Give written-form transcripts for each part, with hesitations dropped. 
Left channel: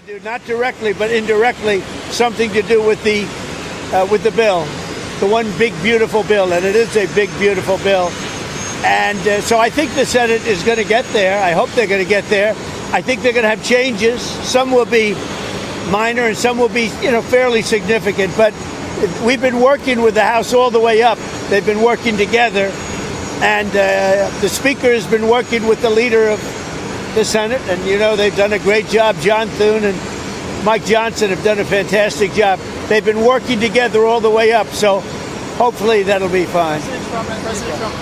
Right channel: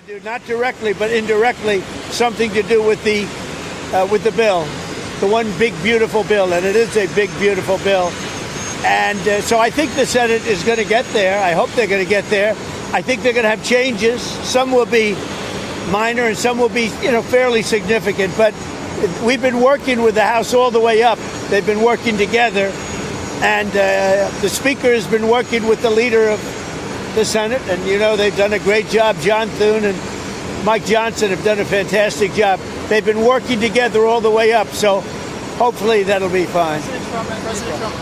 to do, not directly, but indirectly, something to do with the bill, the one big, beautiful bill. And it is a big, beautiful bill. And so I think the Senate is going to get there. I hope they're going to get there. I think they're going to have changes. Some will be minor and some will be, fairly significant. But we've been working with the House all the way up. They've been working together. And the Speaker has been working with the leader of the Senate. And, they've done a great job. John Thune and Mike Johnson have done a fantastic job. They've been working together all the way up. So hopefully that'll be fine. President Trump,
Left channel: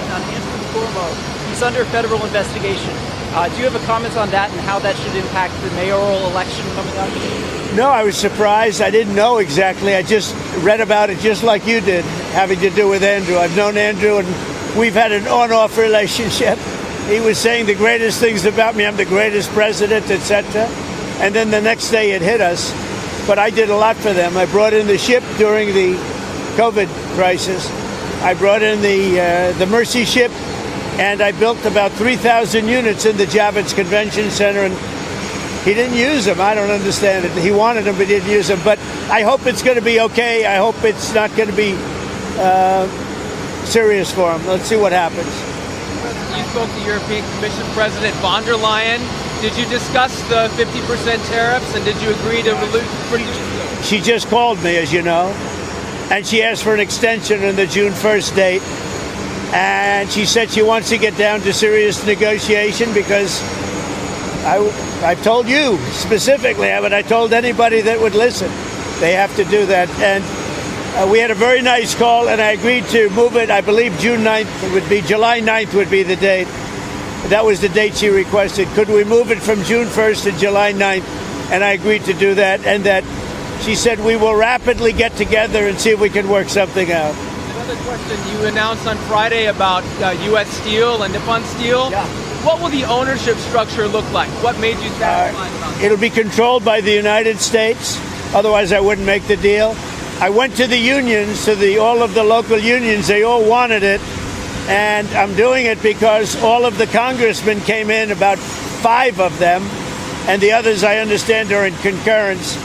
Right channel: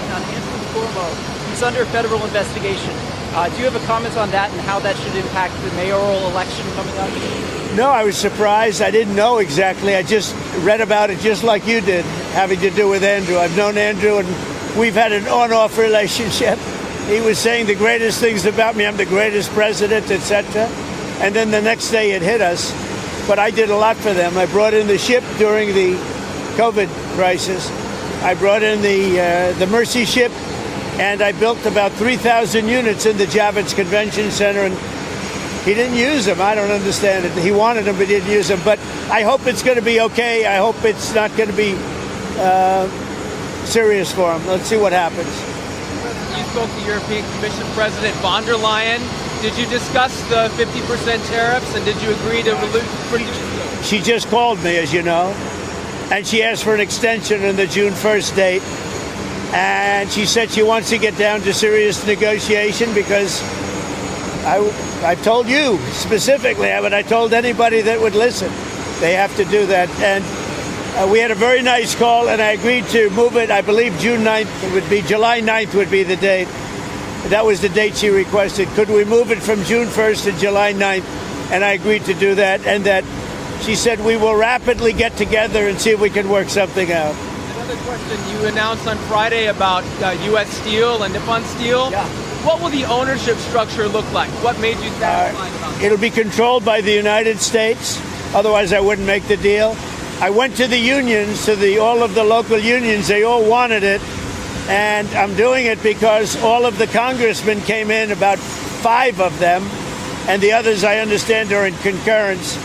he's under federal investigation. Do you have a comment on that and how that should impact the mayoral election coming up? No, I was surprised. I didn't know exactly. I just read about it just like you did, having to do with Andrew. I've known Andrew, and we've had an on-off relationship. He was saying the greatest things about me. I'm the greatest president, etc. And then the next day it hit us. But I did a lot for them. I brought in the ship during the COVID crisis. I brought in the Mercy ship, and I built about 3,000 units in the Javits Convention Center, and he didn't use them. I don't understand it. He wanted them, but he didn't use them. But I hope it's going to be okay. I hope it's not going to be serious for him. Let's see what happens. You spoke to European Commission President von der Leyen. Did you discuss the 50% tariffs, and did you agree to release? She just called me, as you know, and she asked for an extension on the June 1st date. And she said she wants to get down to serious negotiation because I told you specifically, but I told anybody that would listen, they have to do that. And we had a very nice call, and I agreed to move it. I believe June 9th would be, July 9th would be the date. That was the date she requested. Could we move it from June 1st to July 9th? And I agreed to do that. And that she said we will rapidly get together and see if we can work something out. Another question. You announced on Friday about U.S. Steel and Nippon Steel. Yeah. What will the ownership structure look like? What made you satisfied about it? It'll be controlled by the United States. Otherwise, I wouldn't make the deal. I went to the unions, to all of the local unions. They all wanted it. And I'm doing it because all of the congressmen came in, about 5 of them, and the others, I understand, are in concurrence.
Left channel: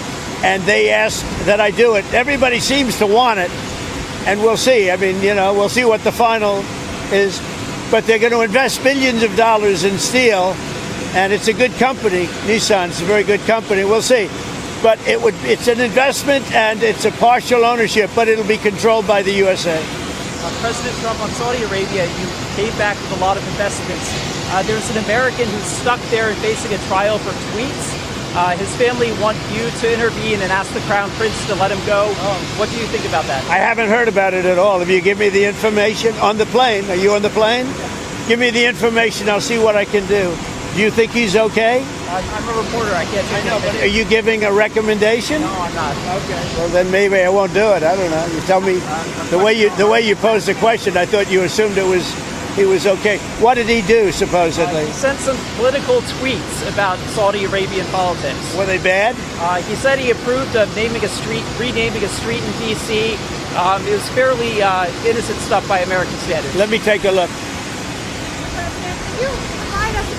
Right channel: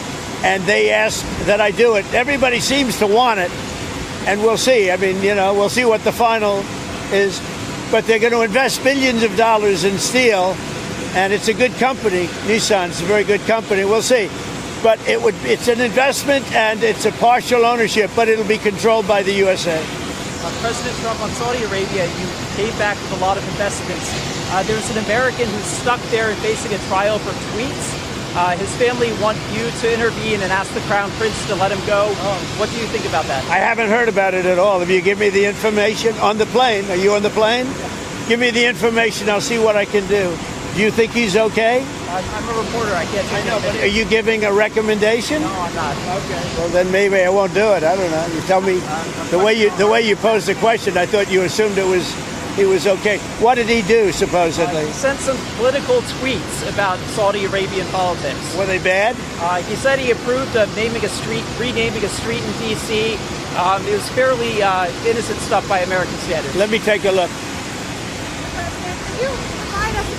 And they asked that I do it. Everybody seems to want it. And we'll see. I mean, we'll see what the final is. But they're going to invest billions of dollars in steel. And it's a good company. Nissan's a very good company. We'll see. But it's an investment, and it's a partial ownership, but it'll be controlled by the USA. President Trump, on Saudi Arabia, you came back with a lot of investments. There's an American who's stuck there and facing a trial for tweets. His family want you to intervene and ask the Crown Prince to let him go. What do you think about that? I haven't heard about it at all. If you give me the information on the plane, are you on the plane? Give me the information. I'll see what I can do. Do you think he's okay? I'm a reporter. I can't say no. But are you giving a recommendation? No, I'm not. Okay. Well, then maybe I won't do it. I don't know. You tell me the way you posed the question. I thought you assumed he was okay. What did he do, supposedly? He sent some political tweets about Saudi Arabian politics. Were they bad? He said he approved of renaming a street in D.C. It was fairly innocent stuff by American standards. Let me take a look.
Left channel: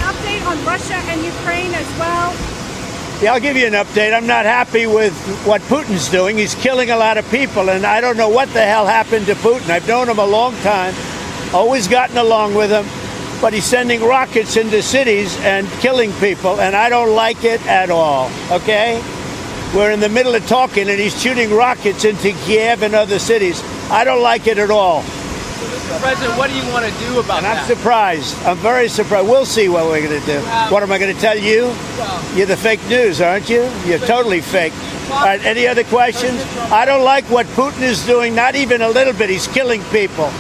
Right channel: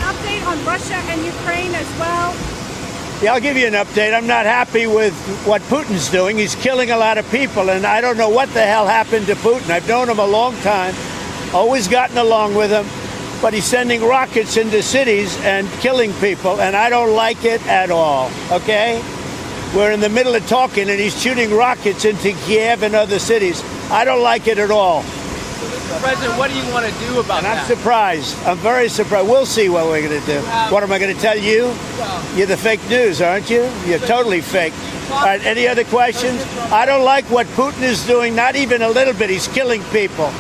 Update on Russia and Ukraine as well? Yeah, I'll give you an update. I'm not happy with what Putin's doing. He's killing a lot of people, and I don't know what the hell happened to Putin. I've known him a long time, always gotten along with him, but he's sending rockets into cities and killing people, and I don't like it at all, okay? We're in the middle of talking, and he's shooting rockets into Kiev and other cities. I don't like it at all. President, what do you want to do about that? I'm surprised. I'm very surprised. We'll see what we're going to do. What am I going to tell you? You're the fake news, aren't you? You're totally fake. All right, any other questions? I don't like what Putin is doing, not even a little bit. He's killing people.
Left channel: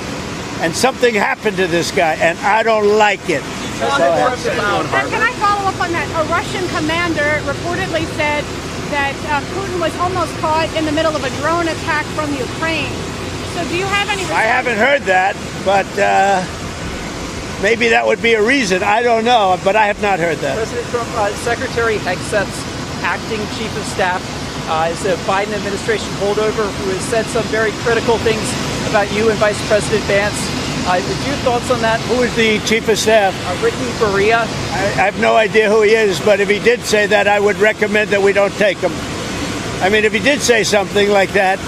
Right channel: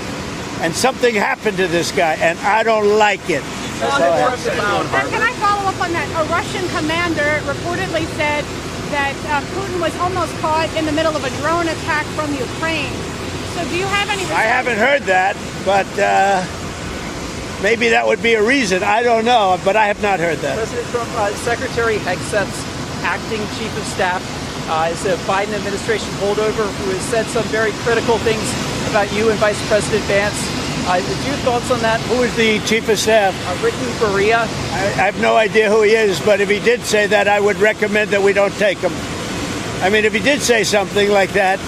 And something happened to this guy, and I don't like it. And can I follow up on that? A Russian commander reportedly said that Putin was almost caught in the middle of a drone attack from Ukraine. So do you have any... I haven't heard that, but maybe that would be a reason. I don't know, but I have not heard that. President Trump, Secretary Hegseth's acting chief of staff is a Biden administration holdover who has said some very critical things about you and Vice President Vance. Your thoughts on that? Who is the chief of staff? Britain, Korea. I have no idea who he is, but if he did say that, I would recommend that we don't take him. I mean, if he did say something like that,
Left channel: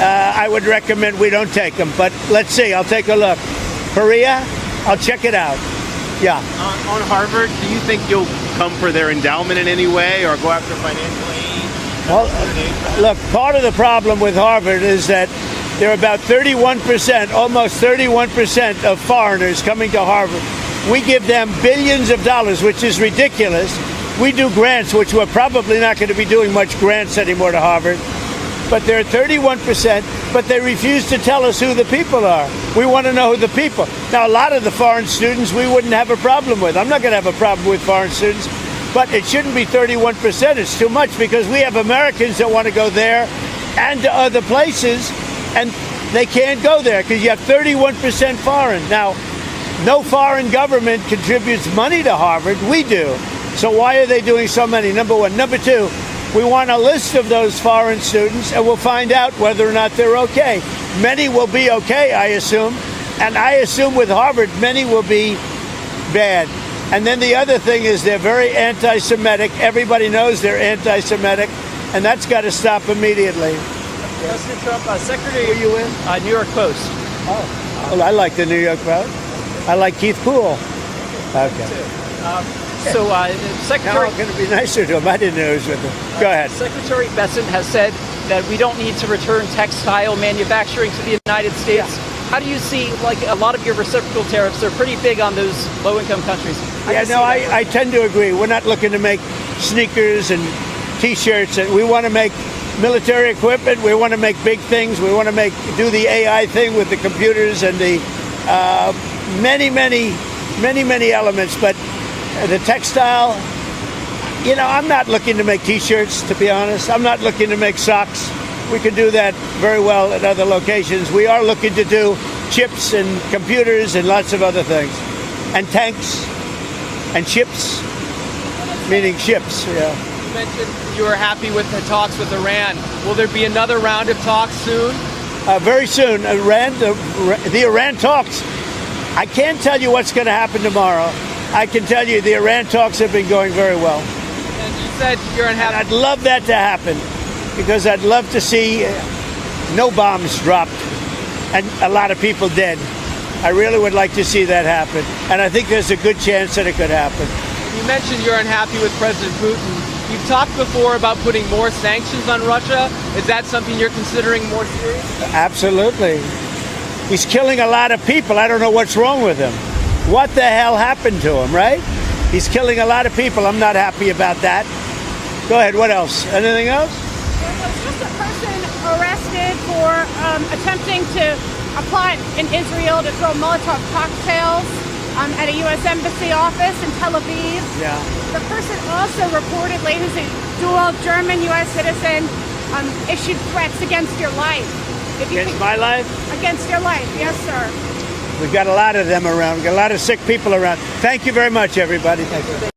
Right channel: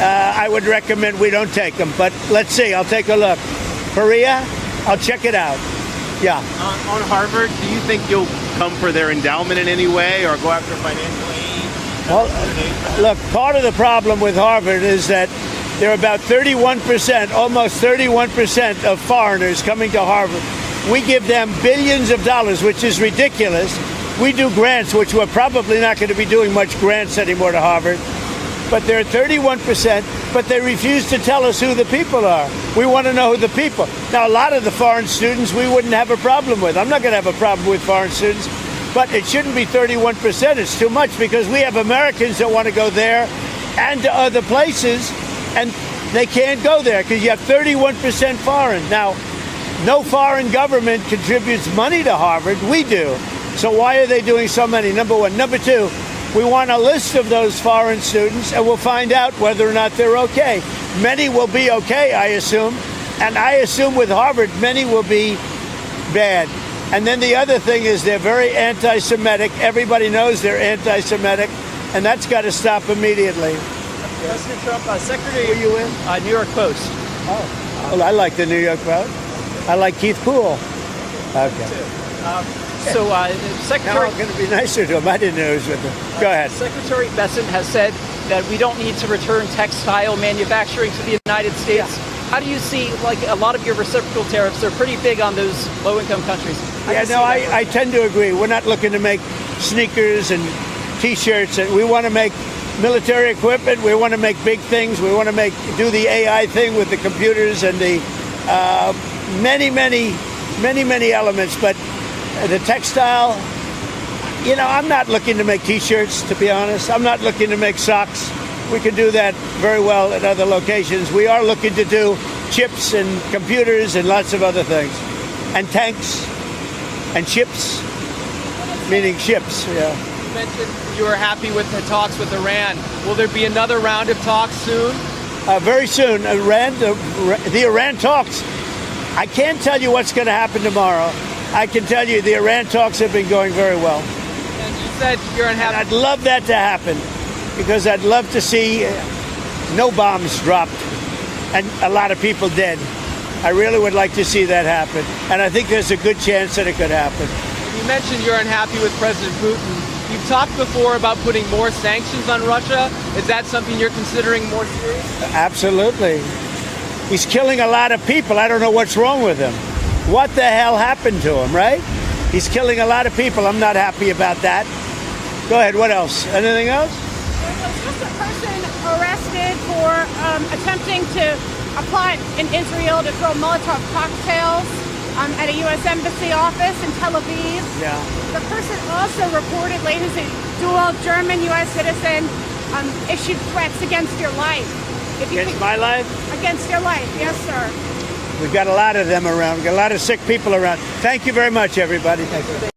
I would recommend we don't take him. But let's see. I'll take a look. Korea, I'll check it out. Yeah. On Harvard, do you think you'll come for their endowment in any way or go after financial aid? Well, look, part of the problem with Harvard is that there are about 31%, almost 31% of foreigners coming to Harvard. We give them billions of dollars, which is ridiculous. We do grants, which we're probably not going to be doing much grants anymore to Harvard. But they're 31%, but they refuse to tell us who the people are. We want to know who the people. Now, a lot of the foreign students we wouldn't have a problem with. I'm not going to have a problem with foreign students, but it shouldn't be 31%. It's too much because we have Americans that want to go there and to other places, and they can't go there because you have 31% foreign. Now, no foreign government contributes money to Harvard. We do. So why are they doing so many? Number one. Number two, we want a list of those foreign students, and we'll find out whether or not they're okay. Many will be okay, I assume. And I assume with Harvard, many will be bad. And then the other thing is they're very anti-Semitic. Everybody knows they're anti-Semitic, and that's got to stop immediately. President Trump, Secretary, are you in? New York Post. Oh, well, I like the New York Post. I like Keith Poole. Okay. Secretary, Now I'm going to be nicer to him. I didn't know he was with him. Go ahead. Secretary Bessent has said that we don't need to return textile manufacturing to the United States. How do you see, like, a lot of your reciprocal tariffs are pretty big on those low-income countries? I tend to agree. We're not looking to make sneakers and T-shirts, and we want to make military equipment. We want to make big things. We want to do the AI thing with the computers and the many elements. But the textile, I'm not looking to make T-shirts, to be honest. I'm not looking to make socks. We could do that very well at other locations. We are looking to do chips and computers and lots of other things. And tanks and ships, meaning ships, yeah. You mentioned you were happy with the talks with Iran. Will there be another round of talks soon? Very soon. The Iran talks, I can't tell you what's going to happen tomorrow. I can tell you the Iran talks have been going very well. And you said you're unhappy. And I'd love that to happen because I'd love to see no bombs dropped and a lot of people dead. I really would like to see that happen. And I think there's a good chance that it could happen. You mentioned you're unhappy with President Putin. You've talked before about putting more sanctions on Russia. Is that something you're considering more seriously? Absolutely. He's killing a lot of people. I don't know what's wrong with him. What the hell happened to him, right? He's killing a lot of people. I'm not happy about that. Go ahead. What else? Anything else? There was just a person arrested for attempting to plot in Israel to throw Molotov cocktails at a U.S. Embassy office in Tel Aviv. Yeah. The person also reportedly, who's a dual German-U.S. citizen, issued threats against your life. Against my life? Against your life, yes, sir. We've got a lot of them around. We've got a lot of sick people around. Thank you very much, everybody. Thank you.